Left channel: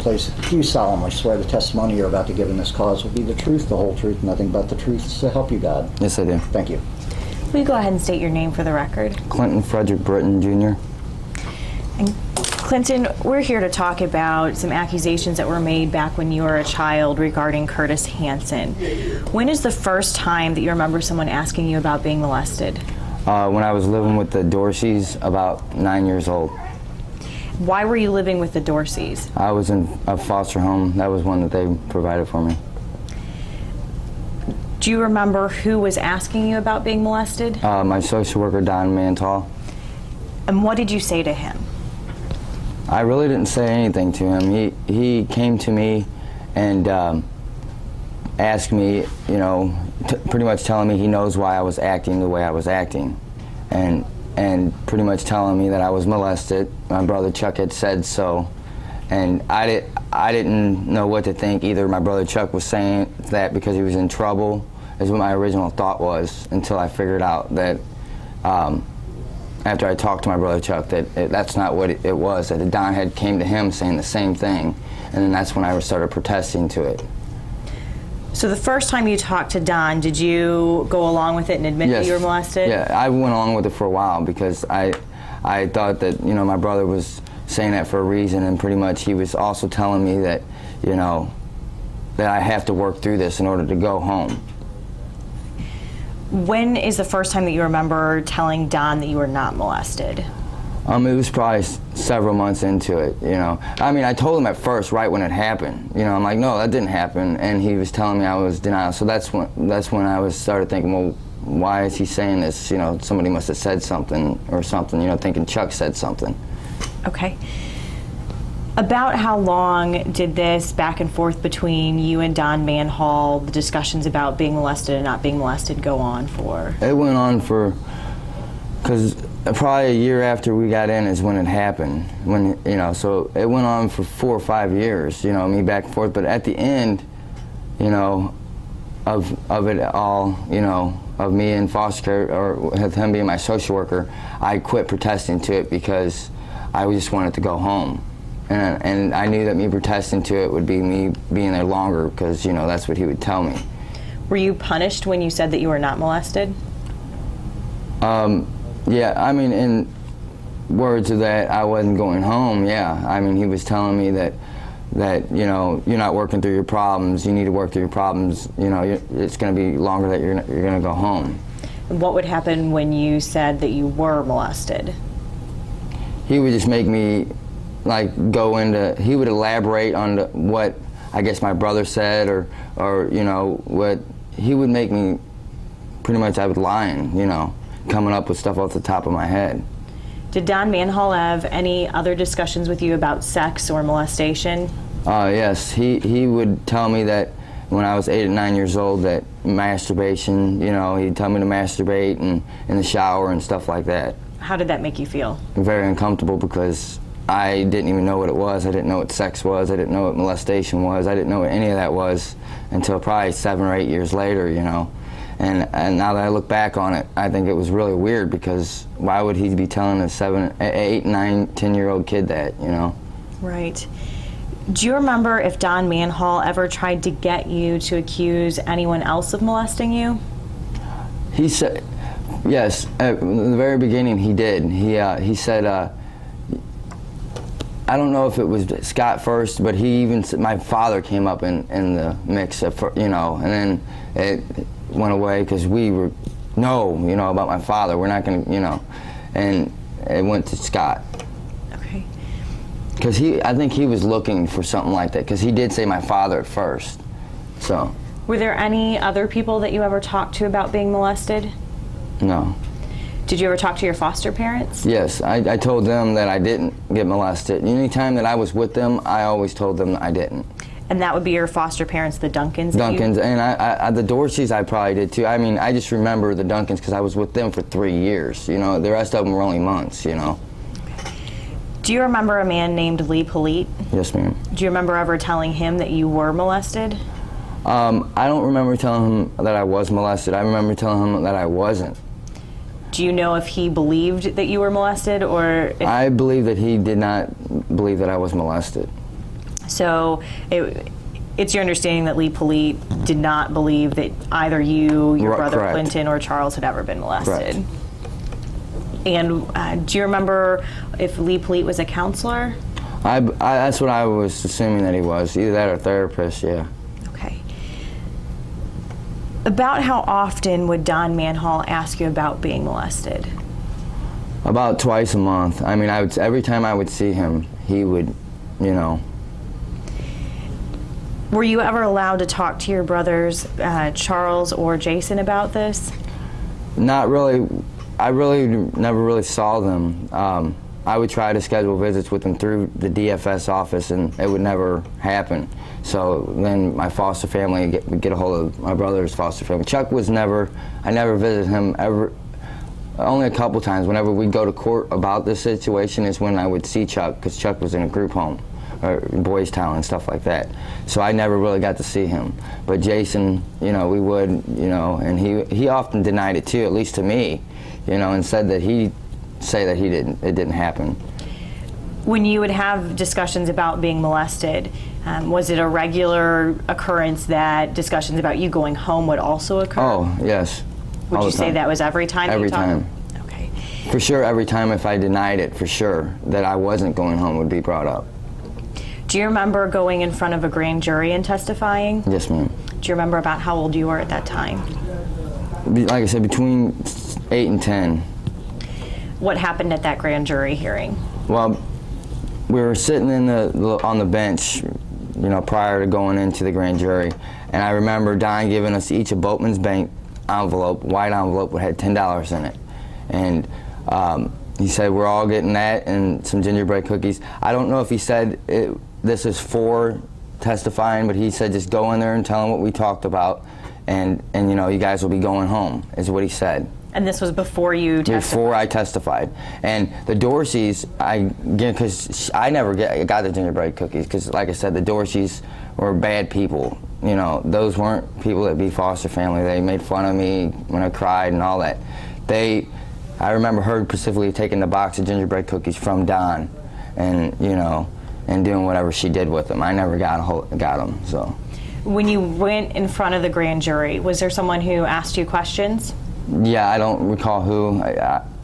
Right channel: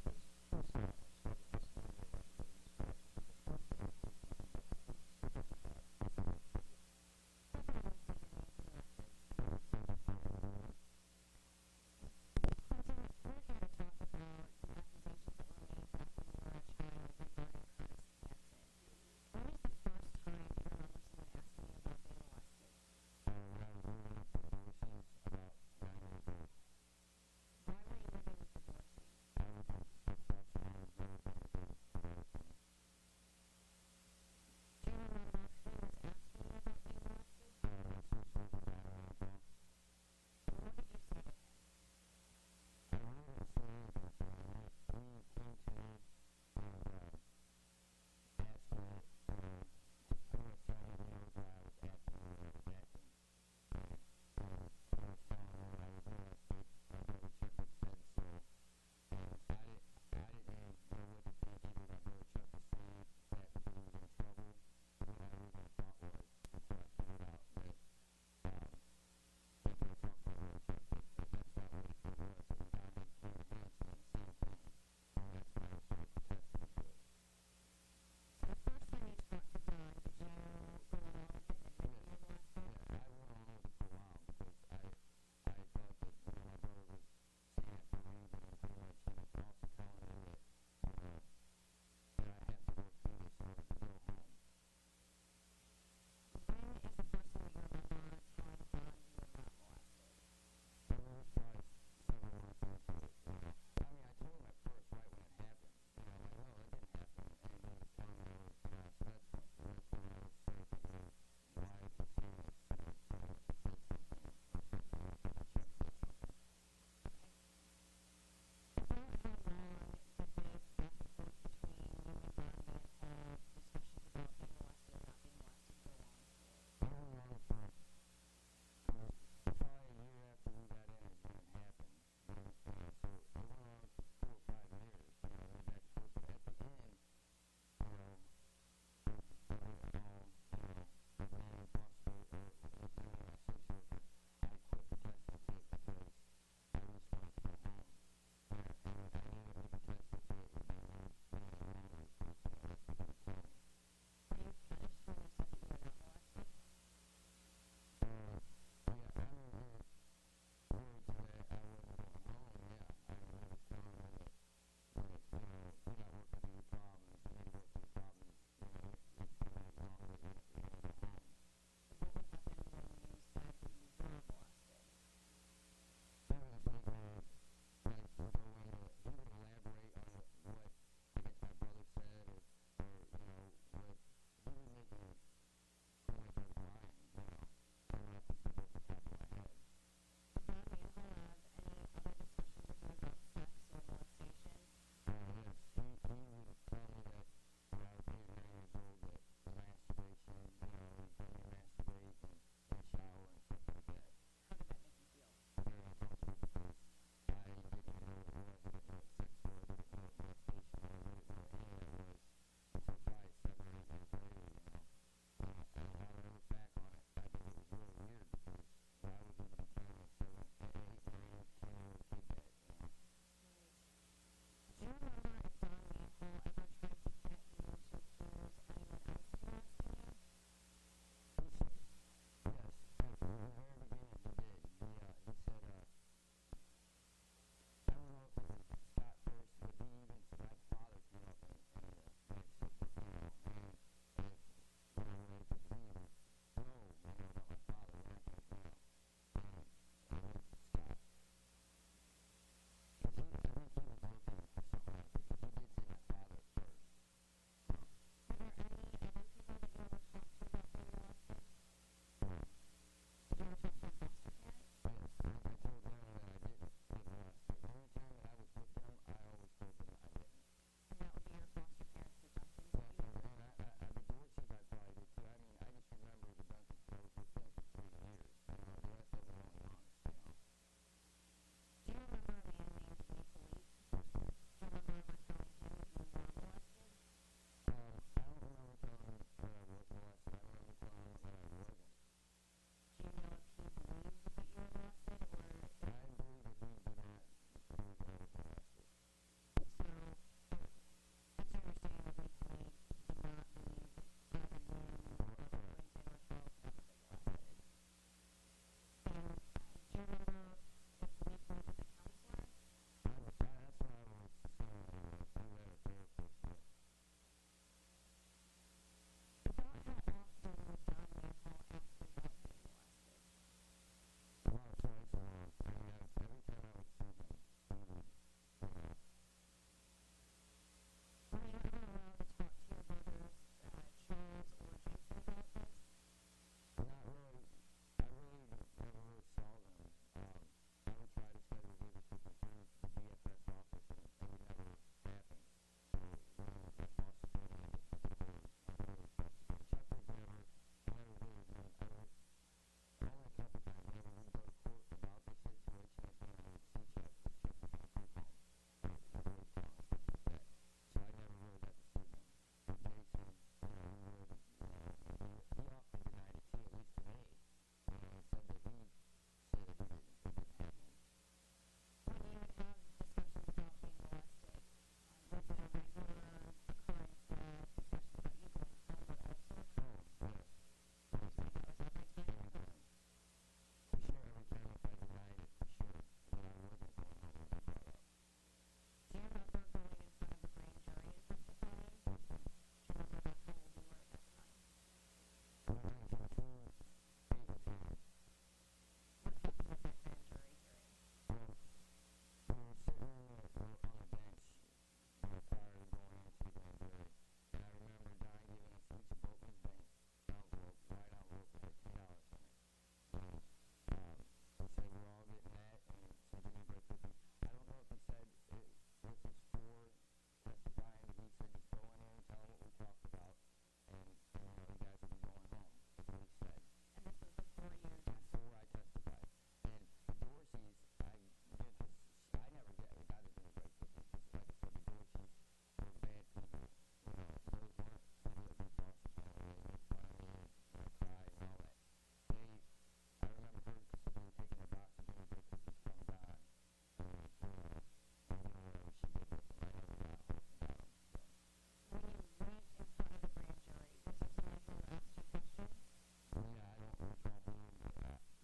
place, do you solemnly swear the testimony you're about to give in this cause will be the truth, the whole truth, nothing but the truth, so help you God? Yes, I do. Thank you. Will you go ahead and state your name for the record? Clinton Frederick Britton, Jr. And Clinton, we're here to talk about some accusations that were made back when you were a child regarding Curtis Hanson. When is the first time that you remember someone asking you about being molested? When I was living with the Dorseys, about 9 years old. Why were you living with the Dorseys? I was in a foster home. That was one that they provided for me. Do you remember who was asking you about being molested? My social worker, Don Mantal. And what did you say to him? I really didn't say anything to him. He came to me and asked me, you know, pretty much telling me he knows why I was acting the way I was acting, and pretty much telling me that I was molested. My brother Chuck had said so, and I didn't know what to think. Either my brother Chuck was saying that because he was in trouble, is what my original thought was, until I figured out that after I talked to my brother Chuck that that's not what it was, that Don had came to him saying the same thing, and then that's when I started protesting to it. So the first time you talked to Don, did you go along with it and admit that you were molested? Yeah, I went along with it for a while because I thought that, you know, my brother was saying that for a reason, and pretty much he was also telling me that, you know, that I have to work through this in order to go home. When is the first time that you remember telling Don that you were not molested? It was probably several months into it, you know. I mean, I told him at first, right when it happened. You know, I'm like, no, that didn't happen, and he was telling me I was denial. So that's when I started thinking, well, why is he saying this? You know, somebody must have said something or something. You know, thinking Chuck said something. Okay. About how long did this back and forth between you and Don Manhall, the discussions about being molested and not being molested, go on for? It went on for, because probably a year after we got in is when it happened. When, you know, so it went on for 4 or 5 years, you know, me back and forth. But at the end, you know, of it all, you know, of me in foster care, or with him being my social worker, I quit protesting to it because I just wanted to go home. And I knew that me protesting to it would be me being there longer because, you know, that's what he would tell me. Were you punished when you said that you were not molested? Yeah, I mean, in words of that, I wasn't going home, yeah. I mean, he was telling me that, you know, you're not working through your problems, you need to work through your problems, you know, it's going to be longer that you're going to go home. What would happen when you said that you were molested? He would just make me, like, go into, he would elaborate on what I guess my brother said, or you know, what, he would make me, pretty much I was lying, you know, coming up with stuff off the top of my head. Did Don Manhall have any other discussions with you about sex or molestation? Yes, he would tell me that when I was 8 or 9 years old that masturbation, you know, he'd tell me to masturbate and in the shower and stuff like that. How did that make you feel? Very uncomfortable because I didn't even know what it was. I didn't know what sex was. I didn't know what molestation was. I didn't know what any of that was until probably 7 or 8 years later, you know. And now that I look back on it, I think it was really weird because why would he be telling a 7, 8, 9, 10-year-old kid that, you know? Right. Do you remember if Don Manhall ever tried to get you to accuse anyone else of molesting you? He said, yes, at the very beginning he did. He said, I don't know if it was Scott first, but he even said, my father came up in the mix, you know, and then it went away because we were, no, you know, about my father, we're not going to, you know, and it went to Scott. Okay. Because I think he was looking for something like that, because he did say my father at first, so. Were there any other people that you ever talked to about being molested? No. Did you ever talk to your foster parents? Yes, I told them that I didn't get molested. Anytime that I was with them, I always told them I didn't. And that would be your foster parents, the Duncans? Duncans, and I the Dorseys I probably did too. I mean, I just remember the Duncans because I was with them for 3 years. You know, the rest of them were only months, you know. Do you remember a man named Lee Polite? Yes, ma'am. Do you remember ever telling him that you were molested? I don't remember telling him that I was molested. I remember telling him that I wasn't. Do you know if he believed that you were molested, or if... I believe that he did not believe that I was molested. So it's your understanding that Lee Polite did not believe that either you, your brother Correct. Clinton, or Charles had ever been molested. Correct. And do you remember if Lee Polite was a counselor? That's what I was assuming that he was, either that or therapist, yeah. Okay. About how often would Don Manhall ask you about being molested? About twice a month. I mean, every time I would see him, he would, you know. Were you ever allowed to talk to your brothers, Charles or Jason, about this? Not really. I really never really saw them. I would try to schedule visits with them through the DFS office, and it would never happen. So then my foster family would get a hold of my brother's foster family. Chuck was never, I never visited him ever, only a couple times. Whenever we'd go to court about this situation is when I would see Chuck, because Chuck was in a group home, or Boys Town and stuff like that. So I never really got to see him. But Jason, you know, we would, you know, and he often denied it too, at least to me, you know, and said that it didn't happen. When you would have discussions about being molested, was it a regular occurrence that discussions about you going home would also occur? Oh, yes. Would all you the say time. that was every time? Every that you time. talked? Okay. For sure, every time if I denied it, for sure, that I wasn't going home would be brought up. Do you remember going in front of a grand jury and testifying? Yes, ma'am. Do you remember about how old you were at that time? Like I said, between 8 and 10. What happened at that grand jury hearing? Well, we were sitting on the bench, you know, prior to going into the grand jury, and I remember Don giving us each a Boatman's Bank envelope, white envelope that had $10 in it, and he said we're all getting that and some gingerbread cookies. I don't know if he said this is for testifying, but he said just go in there and tell them what we talked about, and you know, you guys will be going home, is what he said. And this was before you testified? Before I testified. And the Dorseys, because I never got the gingerbread cookies, because like I said, the Dorseys were bad people. You know, those weren't people that be foster family. They made fun of me when I cried and all that. I remember her specifically taking the box of gingerbread cookies from Don, and you know, and doing whatever she did with them. I never got them, so. When you went in front of the grand jury, was there someone who asked you questions? Yeah, I don't recall who.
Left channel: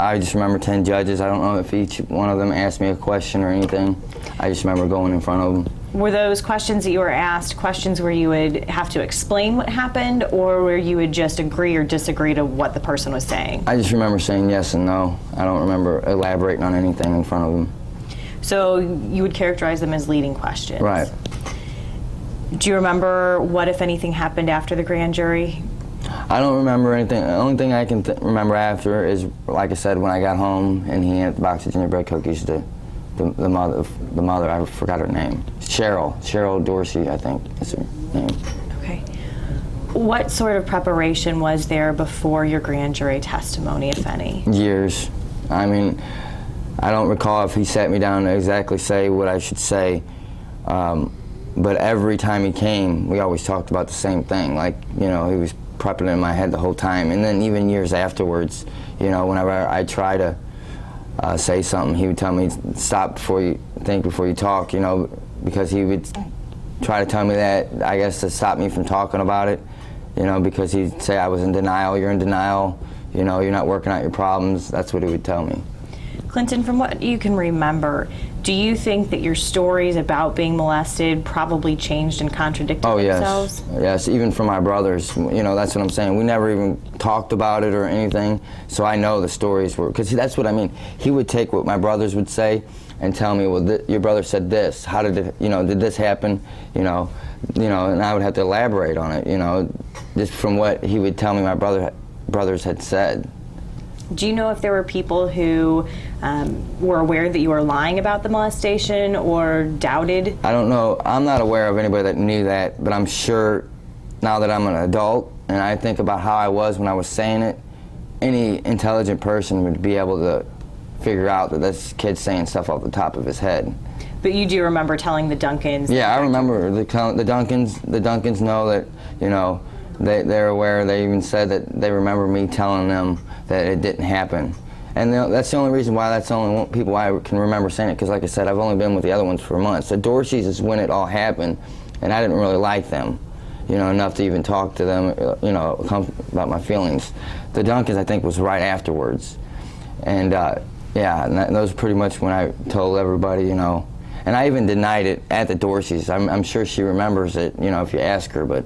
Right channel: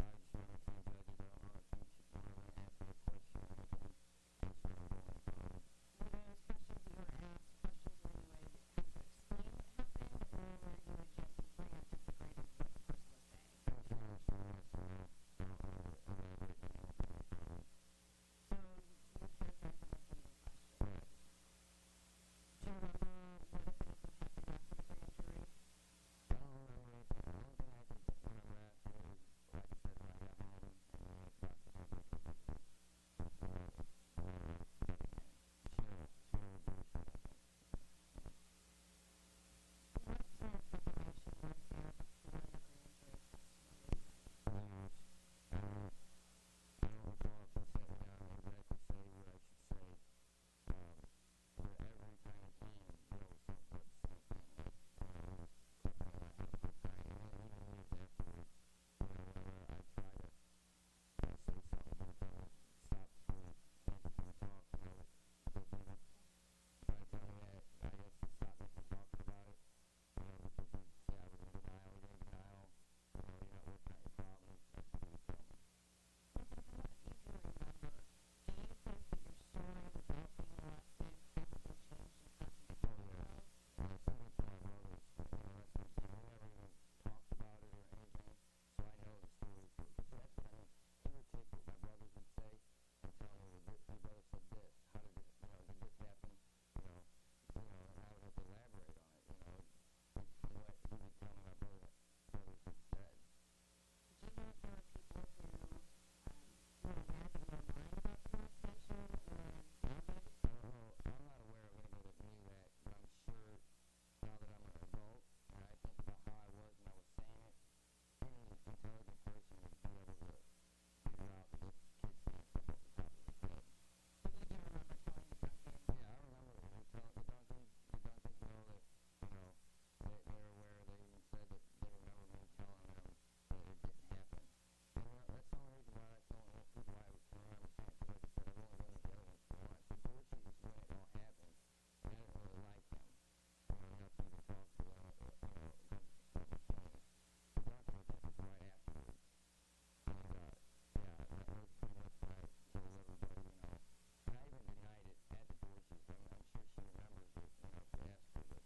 I just remember 10 judges. I don't know if each one of them asked me a question or anything. I just remember going in front of them. Were those questions that you were asked questions where you would have to explain what happened, or where you would just agree or disagree to what the person was saying? I just remember saying yes and no. I don't remember elaborating on anything in front of them. So you would characterize them as leading questions? Right. Do you remember what, if anything, happened after the grand jury? I don't remember anything. The only thing I can remember after is, like I said, when I got home and he had the box of gingerbread cookies to the mother, I forgot her name. Cheryl Dorsey, I think is her name. Okay. What sort of preparation was there before your grand jury testimony, if any? Years. I mean, I don't recall if he sat me down to exactly say what I should say, but every time he came, we always talked about the same thing. Like, you know, he was prepping it in my head the whole time. And then even years afterwards, you know, whenever I try to say something, he would tell me, stop before you think, before you talk, you know, because he would try to tell me that, I guess, to stop me from talking about it, you know, because he'd say I was in denial. You're in denial, you know, you're not working out your problems. That's what he would tell me. Clinton, from what you can remember, do you think that your stories about being molested probably changed and contradicted themselves? Yes, even from my brothers. You know, that's what I'm saying. We never even talked about it or anything, so I know the stories were, because that's what I mean. He would take what my brothers would say and tell me, well, your brother said this. How did it, you know, did this happen? You know, and I would have to elaborate on it, you know, just from what he would tell me my brothers had said. Do you know if there were people who were aware that you were lying about the molestation or doubted? I don't know. I'm not aware of anybody that knew that, but I'm sure now that I'm an adult and I think about how I was when I was saying it, any intelligent person would be able to figure out that this kid's saying stuff off the top of his head. But you do remember telling the Duncans? Yeah, I remember. The Duncans know that, you know, they're aware. They even said that they remember me telling them that it didn't happen. And that's the only reason why that's the only people I can remember saying it, because like I said, I've only been with the other ones for months. The Dorseys is when it all happened, and I didn't really like them, you know, enough to even talk to them, you know, about my feelings. The Duncans, I think, was right afterwards. And yeah, and that was pretty much when I told everybody, you know, and I even denied it at the Dorseys. I'm sure she remembers it, you know, if you ask her, but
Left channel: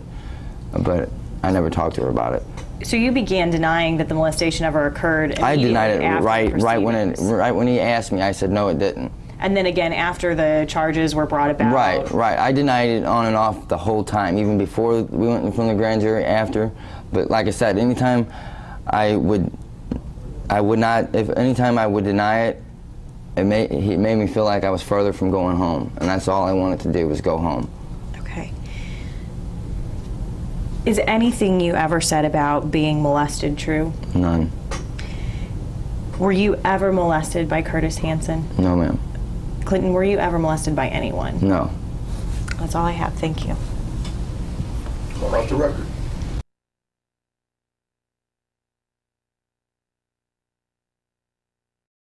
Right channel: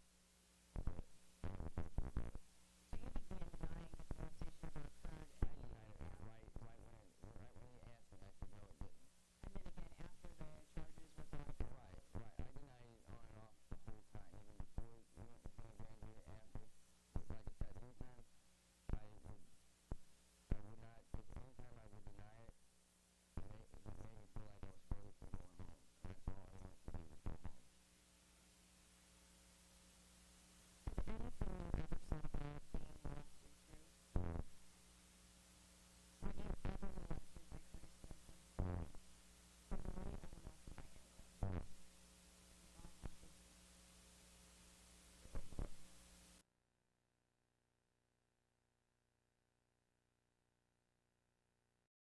I never talked to her about it. So you began denying that the molestation ever occurred. I denied it after the right proceedings. when he asked me. I said no, it didn't. And then again after the charges were brought about. Right. I denied it on and off the whole time, even before we went from the grand jury, after. But like I said, anytime I would not. Anytime I would deny it, it made me feel like I was further from going home, and that's all I wanted to do was go home. Okay. Is anything you ever said about being molested true? None. Were you ever molested by Curtis Hanson? No, ma'am. Clinton, were you ever molested by anyone? No. That's all I have. Thank you. All off the record.